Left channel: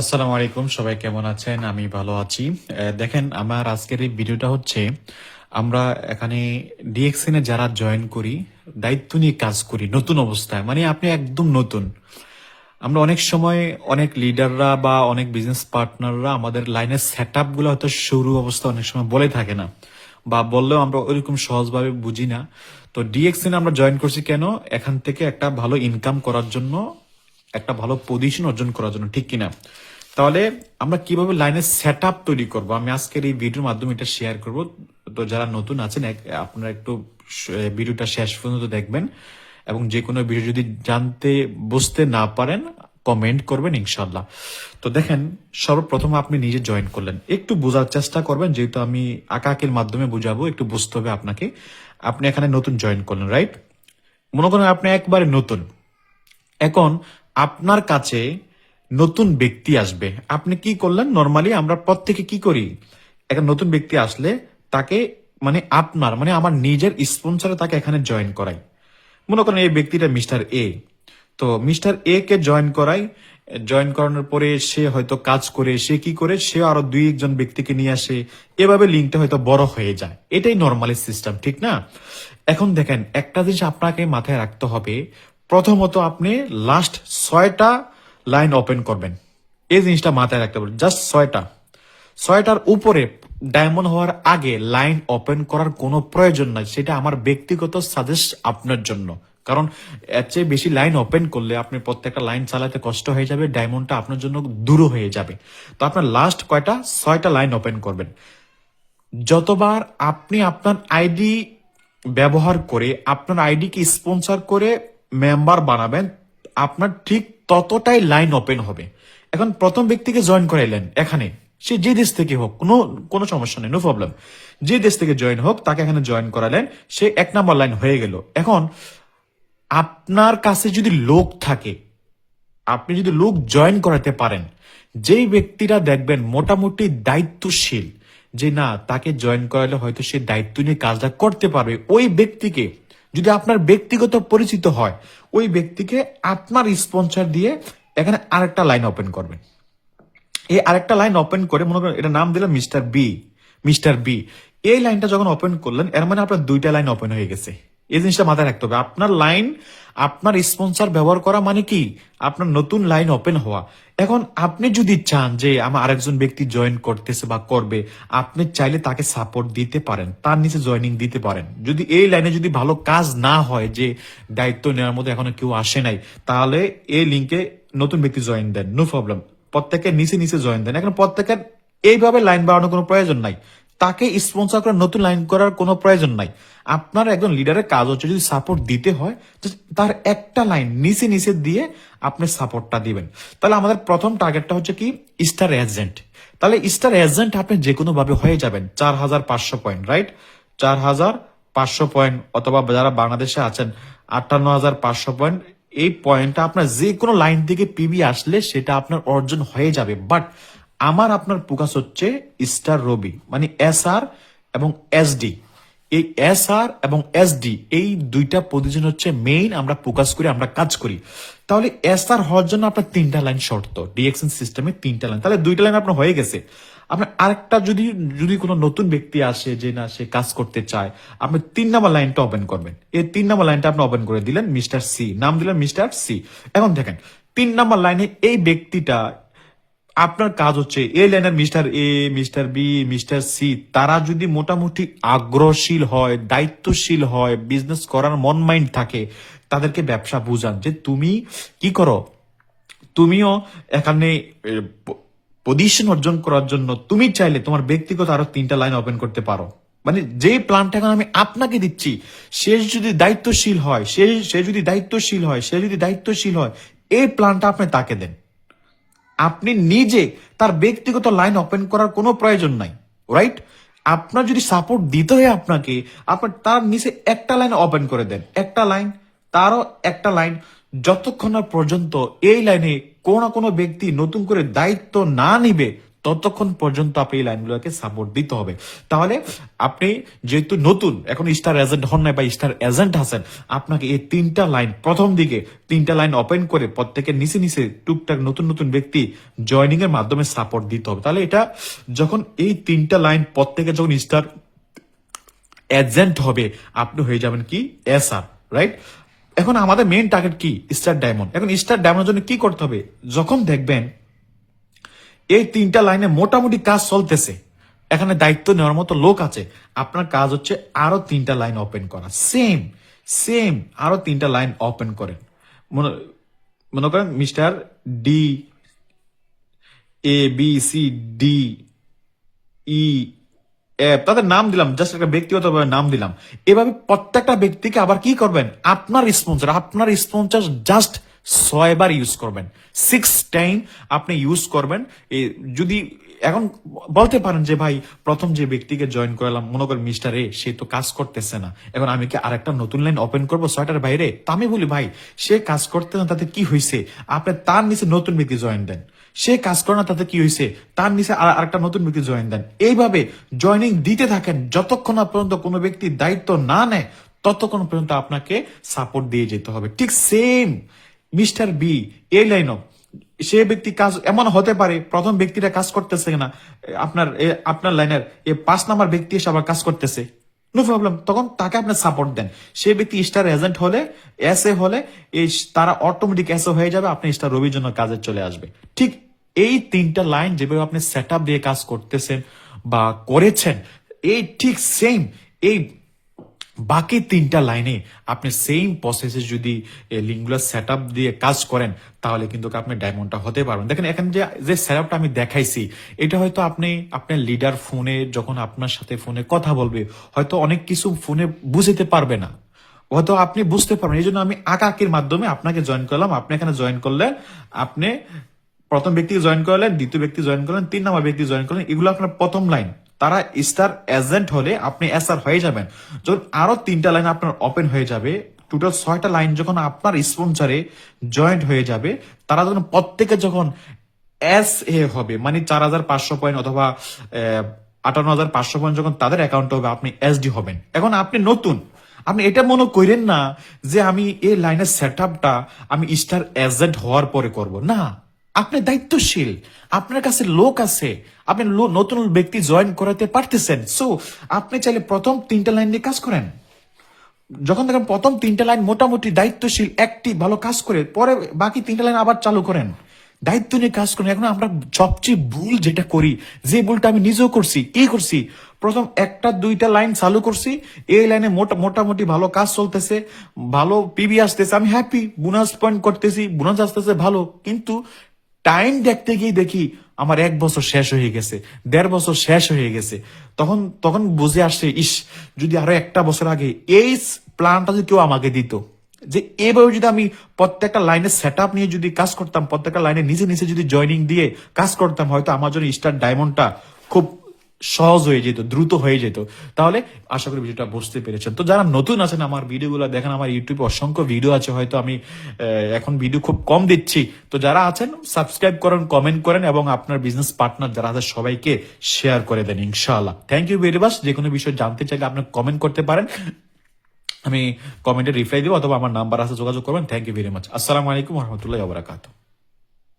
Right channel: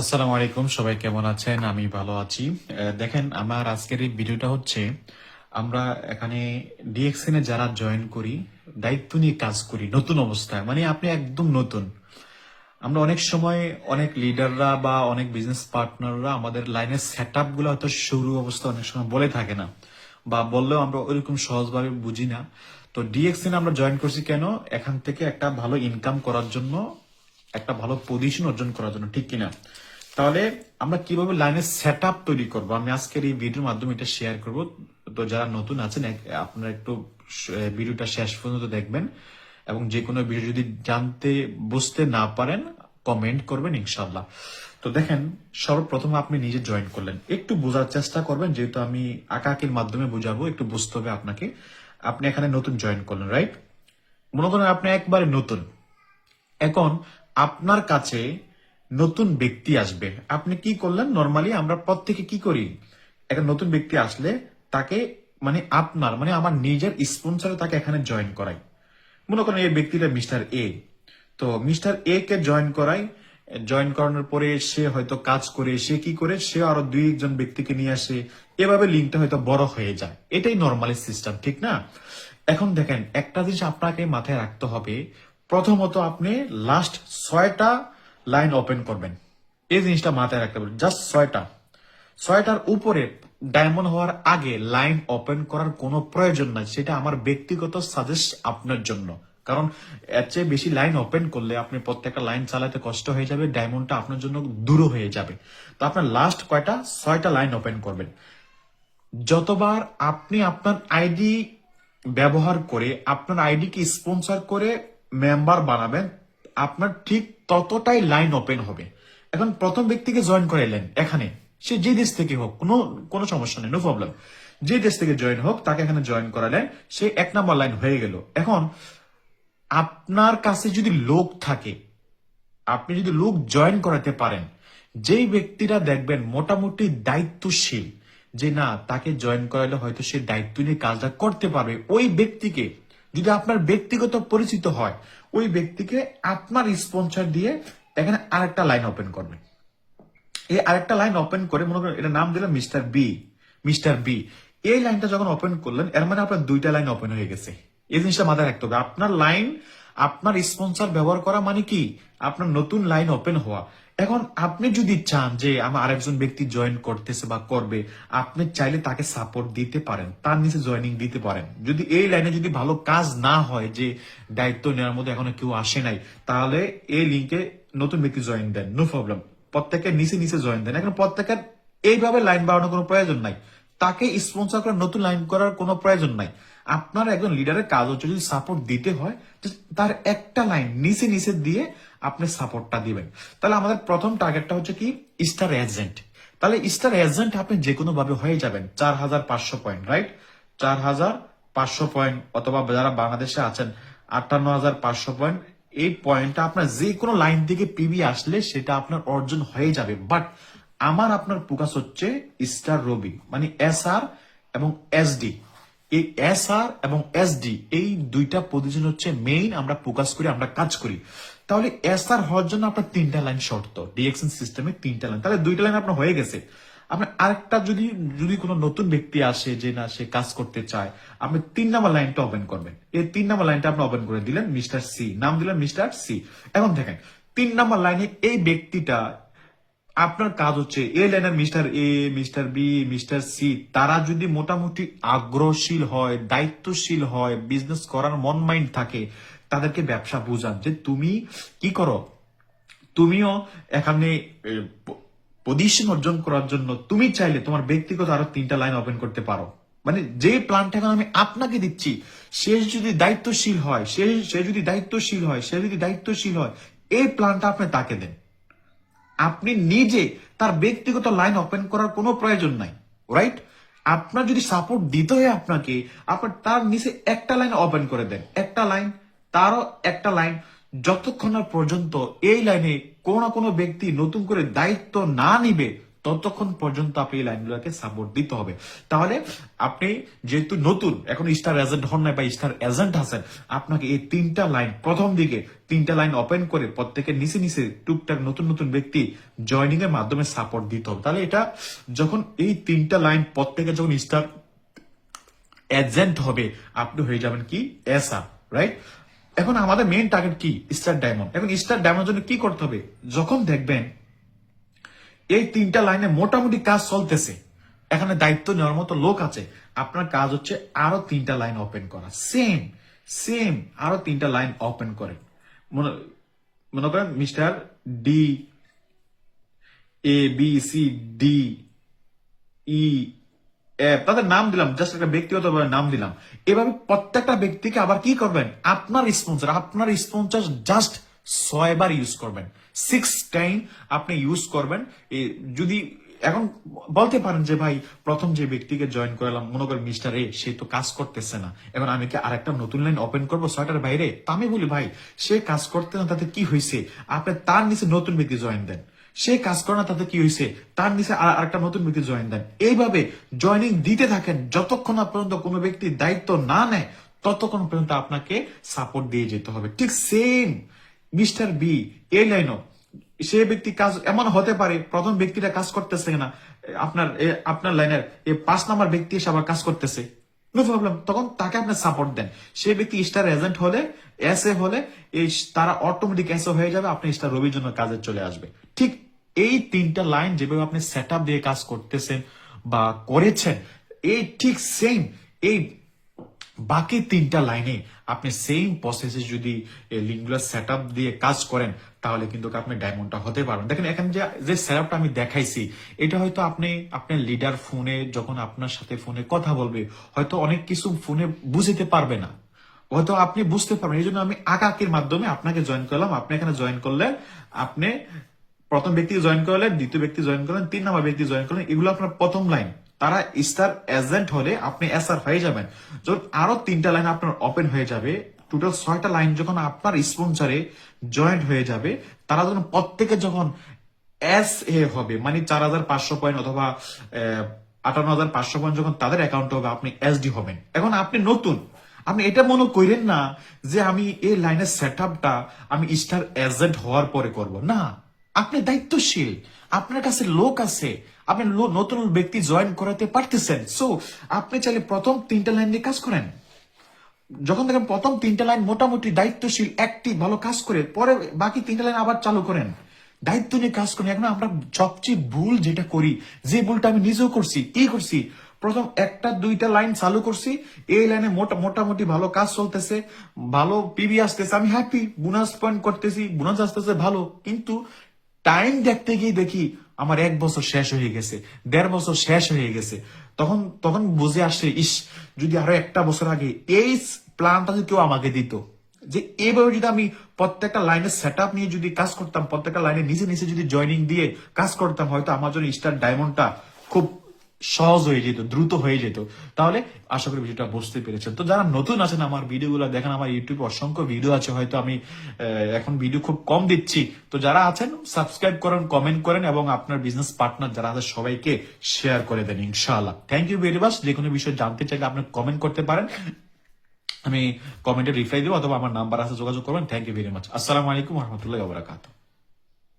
আসসালামু আলাইকুম, সবাই কেমন আছেন? আমি ভালো আছি। দেখেন, আমার আজকের এই ভিডিওটা হচ্ছে, আমরা এখানে ডিএক্সএন এ যারা জয়েন করি, দায়িত্ব নিয়ে কাজ করি নতুন অবস্থায়, মানে আপনি একদম নতুন। আমরা অনেক সময় অনেক লিডাররা বা অনেক বিজনেস পার্টনাররা আমাদের লাইনের সেট আপ গুলো হয়তো শুরু অবস্থা অনেক সময় বলে থাকে না, বা বললেও আমরা ওইরকম সহজভাবে বুঝি না। তো ডিএক্সএন আমরা জয়েন করছি কেন? এখান থেকে একটা ভালো ইনকাম করার জন্য, একটা ভালো পজিশন অর্জন করার জন্য, ঠিক কিনা? তাহলে আমরা কিভাবে লাইনের সেট আপ তৈরি করবো, আমি আজকের এই ভিডিওর মাধ্যমে এটা শেয়ার করব। তো যারা নতুন আছেন, আপনারা একটু ভিডিওটা শেষ পর্যন্ত দেখবেন, এবং যে কোনো ভিডিও যদি জানতে বুঝতে না পারেন কমেন্ট করবেন ইনশাল্লাহ। তো দেখেন, সর্বপ্রথম আপনি নিজে জয়েন করলেন, একটু বোঝার চেষ্টা করবেন, যেহেতু আমি আঁকাআঁকির মাধ্যমে বুঝাবো, একটু বুঝতে হবে আপনাকে। আপনি এখানে নতুন জয়েন করলেন, রাইট? মনে করেন আপনি একবারে নতুন। এখন আপনার কাছে নতুন ব্যক্তি আসবে, আপনি কি করলেন? নর্মালি আমরা প্রত্যেকে কি করি, একটা নতুন ব্যক্তি আসলে তাকে, মানে আপনার, মানে আমার নিজের স্পন্সরে তাকে এখানে জয়েন করাই। মনে করেন এই ব্যক্তিটা মিস্টার এ, তো মিস্টার এ কে জয়েন করাই। জয়েন করানোর পরে সে হয়তো কাজ করে, সে কি করে, সে আরো দুই একজন ব্যক্তিকে নিয়ে আসে, এভাবে লিঙ্কটা হয়তো বড় হয়ে যায়। এটাই নর্মালি সিস্টেম, ঠিক না? এখন দেখেন, একটা জিনিস আপনাকে মাথায় রাখতে হবে। প্রথমত আপনি লাস্ট 6টা লাইন ওপেন করবেন, এই জিনিসটা মাথায় রাখতে হবে। জাস্ট 6টার উপরে ডায়মন্ড হওয়ার আগে লাইন ওপেন করার কোনো প্রয়োজন নাই, সেটা আমার ব্যক্তিগত সাজেস্ট আপনার জন্য। কারণ এর চেয়ে বেশি লাইন ওপেন করলে আপনি প্রত্যেকটা লাইন চালাতে কষ্ট হয়ে যাবে, ডায়মন্ডটা আপনার জন্য দূর হয়ে যাবে। তো আপনার লাস্ট কয়টা, 6টা লাইন ওপেন করবেন। যতবার আপনি আপনার আইডি ব্যবহার করে, আপনার আইডিকে স্পন্সর করে মেম্বার বানাবেন, আপনার ঠিক ততটাই লাইন ওপেন হবে। এখন প্রথম ব্যক্তিকে জয়েন করাইলেন এখানে, সে যে দেশ থেকে হোক, কোনো কোনো সমস্যা নেই, নো প্রবলেম। যে দেশ থেকে জয়েন হোক, তাকে এখানে জয়েন করালেন, সে 1 নাম্বার লাইন হয়ে গেল। এখন আপনার কাছে যদি লোক থাকে, আপনি যদি লোক জয়েন করাতে পারেন, যেই ব্যক্তিরা দেখবেন মোটামুটি দায়িত্বশীল, যে না, তাকে জয়েন করালে হয়তো সে দায়িত্ব নিয়ে কাজটা করতে পারবে, ওই ব্যক্তিকে, যদি আপনার ব্যক্তিগত পরিচিত হয়, ওই ব্যক্তিকে আপনার স্পন্সর দিয়ে এখানে আরেকটা লাইন ওপেন করবেন। এই আরেকটা লাইন ওপেন করে, মনে করেন এটা নাম দিলাম মিস্টার বি। মিস্টার বি, এই লাইনটা যখন ওপেন করলেন, এর মানে আপনার 2টা লাইন ওপেন হয়ে গেছে। এই জিনিসটা মাথায় রাখতে হবে। আপনার লাইন, আপনার স্পন্সর ব্যবহার করা মানে কি, আপনার নতুন লাইন ওপেন হওয়া। এখন আপনি যদি চান যে আমার আরেকজন ব্যক্তি জয়েন করতেছে বা করবে, আপনি চাইলে তাকে সাপোর্ট দিতে পারেন, তার নিচে জয়েনিং দিতে পারেন। যদি এই লাইনে যদি ভালো কাজ না হয়, যে দায়িত্ব নেওয়ার মধ্যে এখনো কেউ আসে নাই, তাহলে এই লিঙ্কে নতুন ব্যক্তি জয়েন দেন, নো প্রবলেম। প্রত্যেকের নিচে নিচে জয়েন দেন। এখন প্রত্যেকের এইভাবে লাইন বাড়ানোর কোনো প্রয়োজন নাই, তাকে স্পন্সর করে নতুন লাইন করার কোনো প্রয়োজন নাই। আপনার একজন লিডারের কাজ হচ্ছে, যদি সাপোর্ট দিতে হয়, তার একটা লাইন নিচে নিচে দিয়ে আপনি সাপোর্টটা দিবেন। তাহলে আমাদের প্রথম টার্গেটটা হচ্ছে কি, স্টার এজেন্ট। তাহলে স্টার এজেন্ট আপনি যে কোনো ভাবে হয়ে যাবেন। 4500 পয়েন্ট, রাইট? 4500 পয়েন্ট, অথবা যারা বাংলাদেশে আছেন 58,500 পয়েন্ট। এই পয়েন্টটা আপনার যে কোনো লাইন থেকে পিবি আসলে সেটা আপনার অর্জন হয়ে যাবে। বাট আমার আপনার ফোকাস হচ্ছে স্টার রবি, মানে SR এবং SD। এই SR এবং SD, এই দুইটা পজিশন হচ্ছে মেইন, আমরা ফোকাস করি, আমরা কাজ করি। তাহলে SR হওয়ার জন্য আপনার 3টা লাইন শর্ত, ডিএক্সএন সিস্টেমে 3টা লাইন, তাহলে 2টা লাইন আপনার হয়ে গেছে। আপনার আরেকটা, যদি যদি কোনো নতুন ব্যক্তি আসে, যে না সে কাজ করতে চায়, আপনি 3 নাম্বার লাইনটা ওপেন করবেন। এই 3 নাম্বার লাইনটা আপনি ওপেন করে দিলেন, মিস্টার সি নাম দিলেন, মিস্টার সি। এখন দেখেন, 3 নাম্বার লাইনে এই ব্যক্তিটা, আপনার কাজ হচ্ছে এই লাইনের mister A, mister B, mister C, তারা যদি মোটামুটি আগ্রহশীল হয়, দায়িত্বশীল হয়, বিজনেস করার মন মাইন্ড থাকে, তাদেরকে ব্যবসা বুঝান যে তুমি কি করো, তুমিও এখানে পজিশন অর্জন করার জন্য তুমি চাইলে তোমার ব্যক্তিগত আরো 3টা লাইন ওপেন করতে পারো। মানে যে প্ল্যানটা এখন আমি আপনাকে দিচ্ছি, সে যদি দায়িত্বশীল হয়, সে যদি দায়িত্বশীল হয়, সে যদি দায়িত্বশীল হয়, এই প্ল্যানটা আপনি তাকে দেন। আপনি নিজে তার ব্যক্তিগত লাইন ওপেন করার কোনো প্রয়োজন নাই, রাইট? আপনার যদি সাপোর্ট দিতে হয় আপনাকে, আপনার তার নিচে একটা লাইন ওপেন করে দেন, একটা লাইন, তারও একটা লাইন, যতক্ষণ না পর্যন্ত এই লাইনে কোনো না কোনো ব্যক্তি নতুন করে দায়িত্ব না নিবে, ততক্ষণ পর্যন্ত আপনি এই লাইনগুলোকে সাপোর্ট দিতে হবে। তাহলে আপনি যেহেতু নতুন, এখন স্টার এজেন্ট হন না বা স্টার এজেন্ট আছেন, আপনাকে এই 3টা লাইন প্রথম দিকে 3টা লাইন ওপেন করে প্রত্যেকের নিচে নিচে টুকটাক নতুন নতুন ব্যক্তি জয়নিং এর মাধ্যমে সাপোর্ট দিতে হবে। তাহলে এটা যখন এই 3টা লাইন প্রত্যেকে যখন স্টার এজেন্ট হবে, আপনি হয়ে যাবেন কি এসআর, রাইট? এখন আমাদের মেইন টার্গেট কি? Star diamond. এখন স্টার ডায়মন্ডের জন্য কি করতে হবে? যখন দেখবেন এই 3টা লাইনে মোটামুটি কাজ চলতেছে, এখানে দায়িত্ব নেওয়ার মতো লোক আছে, আপনার কাজ হচ্ছে আরো 3টা লাইন ওপেন করা। সেম সেম আরো 3টা লাইন ওপেন করেন। মনে মনে করেন mister D, ABCD E F, তাদের নাম দিলাম, জাস্ট একটা ব্যক্তিগত নাম দিলাম। এভাবে প্রত্যেকটা ব্যক্তিকে আবার কি করবেন? আপনার স্পন্সর জাস্ট 6বার ইউজ করবেন, 6 টাইম আপনি ইউজ করবেন। যদি এখন বলতে পারেন যে ভাই, প্রথম যে ব্যক্তিকে জয়েন করলাম, মনে করেন মিস্টার এ, সে তো কাজ করতেছে না, এখন আমি কি আরেকটা নতুন লাইন ওপেন করবো 6টার বাইরে? তা আমি বলি ভাই, সে কাজ করতে না, তাতে কি হয়েছে? আপনি তার নিচে নতুন ব্যক্তি জয়েন দেন। সে কাজ করে না, তাতে কি হয়েছে? তার নিচে আরেকটা নতুন ব্যক্তি জয়েন দেন। এইভাবে জয়েনিং দিতে থাকেন, যতক্ষণ না পর্যন্ত কোনো ব্যক্তি দায়িত্ব না নেয়, ততক্ষণ পর্যন্ত আপনাকে সাপোর্ট দিয়ে যেতে হবে। ঠিক সেম মিস্টার বি, এই লাইনও সে ব্যক্তি কাজ এমন হতে পারে, প্রথম ব্যক্তিটা কাজ করতেছে না, আপনার লাইনের 5 নাম্বার ব্যক্তি এসে আবার কাজ করতেছে, নো প্রবলেম, তখন তাকে আপনি সাপোর্ট দেন। সে ব্যক্তি স্টার এজেন্ট হলে, এসএ হলে, এই তারা অটোমেটিক এসএ হয়ে যাবে, আপনি স্টার রবির জন্য কাজে চলে আসবে। ঠিক এই 3টা লাইন যেভাবে আপনি সেট আপ দিয়ে কাজ করতেছেন বা করেছেন, এই ঠিক সেম এই বাকি 3টা লাইনে আপনি সেম প্রসেসে যদি লিঙ্গুলার সেট আপ দিয়ে কাজ করেন, তাহলে কিন্তু আপনি ডায়মন্ডটা হতে পারবেন। দেখেন এখানে যে সেট আপটা আমি দেখাইছি, এটা হয়তো আপনি আপনার লিডার ফোনে যখন আপনার সাথে ফোনে কথা বলবে, হয়তো অনেক কিছু ফোনে বুঝতে পারবে না, হয়তো আপনি বুঝতে পারবেন। এই জন্য আমি আঁকাকির মাধ্যমে আপনাকে জয়েন করলাম। আপনি এখানে জয়েন করলে, আপনি প্রথম ব্যক্তি জয়েন করলেন, দ্বিতীয় ব্যক্তি জয়েন করলেন, 3 নম্বর ব্যক্তি জয়েন করলেন, এগুলো আপনার প্রথম লাইন। তারা স্টার এজেন্ট হলে আপনি এসআর হয়ে যাবেন। যখন আরো 3টা লাইন আপনার ওপেন হয়ে যাবে, টোটাল 6টা লাইন যখন আপনার স্পন্সরে জয়েন্ট হয়ে যাবে, তারা যখন প্রত্যেকে যখন এস এ হবে, মানে 4,500 পয়েন্ট অথবা 58,500 পয়েন্ট যখন তাদের অ্যাকাউন্ট হবে, আপনি এসডি হবেন। এখন আপনি নতুন, আপনি এটা মনে করেন না যে আমি এই লাইনের সেট আপটা আমি স্টার এজেন্ট হওয়ার পরে করব না। আপনি দায়িত্বশীল, আপনার কাছে লোক আছে, আপনি নতুন ব্যক্তি জয়েন করাতে পারতেছেন। সো আপনি চাইলে প্রথম 3টা লাইন দিয়ে কাজ করেন। যখন দেখেন প্রথম 3টা লাইন মোটামুটি দায়িত্বশীল, অ্যাক্টিভ, ভালো কাজ করে, পরে বাকি 3টা লাইন আবার চালু করেন, দায়িত্ব নিয়ে কাজ করেন। এখন আমরা সবচেয়ে ভুল যেটা করি, যে ভুলটা আমি নিজেও করছি, কি করছি, প্রথম 1টা 2টা লাইন চালু করছি, এই লাইনে মোটামুটি ভালো কাজ চলতেছে, ভালো পিবি আসতেছে, আমি হ্যাপি, বোনাস পয়েন্ট করতেছি, বোনাস আসতেছে ভালো, কিন্তু টাইম দেখতে গিয়ে দেখি আমার 1 বছর শেষ হয়ে গেছে, 1.5 বছর শেষ হয়ে গেছে। তখন তখন বুঝে আসছে, ইস, যদি আরো 1টা বছর আগে এই প্ল্যানটা যদি কেউ আমাকে দিত, যে এইভাবে যদি আমি প্রত্যেকটা লাইনের সেট আপ নিয়ে যদি কাজ করতাম, প্রত্যেকটা লাইনে নিচে নিচে যদি জয়নিং দিয়ে কাজ করতাম, হয়তো আমার জন্য স্টার ডায়মন্ডটা খুব সহজ হয়ে যেত, দ্রুত হয়ে যেত। তাহলে আশা করি ভিডিওটা বুঝতে পেরেছেন। তো যারা নতুন আছেন, আমার ভিডিওগুলো দেখেন, আমার ইউটিউবে অসংখ্য ভিডিও আছে, হয়তো আমি এখন ভিডিও খুব কম দিচ্ছি। তো যারা আছেন সাবস্ক্রাইব করেন, কমেন্ট করেন, এবং আপনার বিজনেস পার্টনার যারা আছে সবাইকে শেয়ার করে দেন ইনশাআল্লাহ। Thank you very much. যে কোনো বিষয় জানতে চাইলে আপনি কমেন্ট করতে পারেন, আমি কমেন্টে রিপ্লাই দিব, অথবা আমার নাম্বার আছে, যোগাযোগ করবেন। Thank you very much. আসসালামু আলাইকুম ওয়া রাহমাতুল্লাহি ওয়া বারাকাতুহু।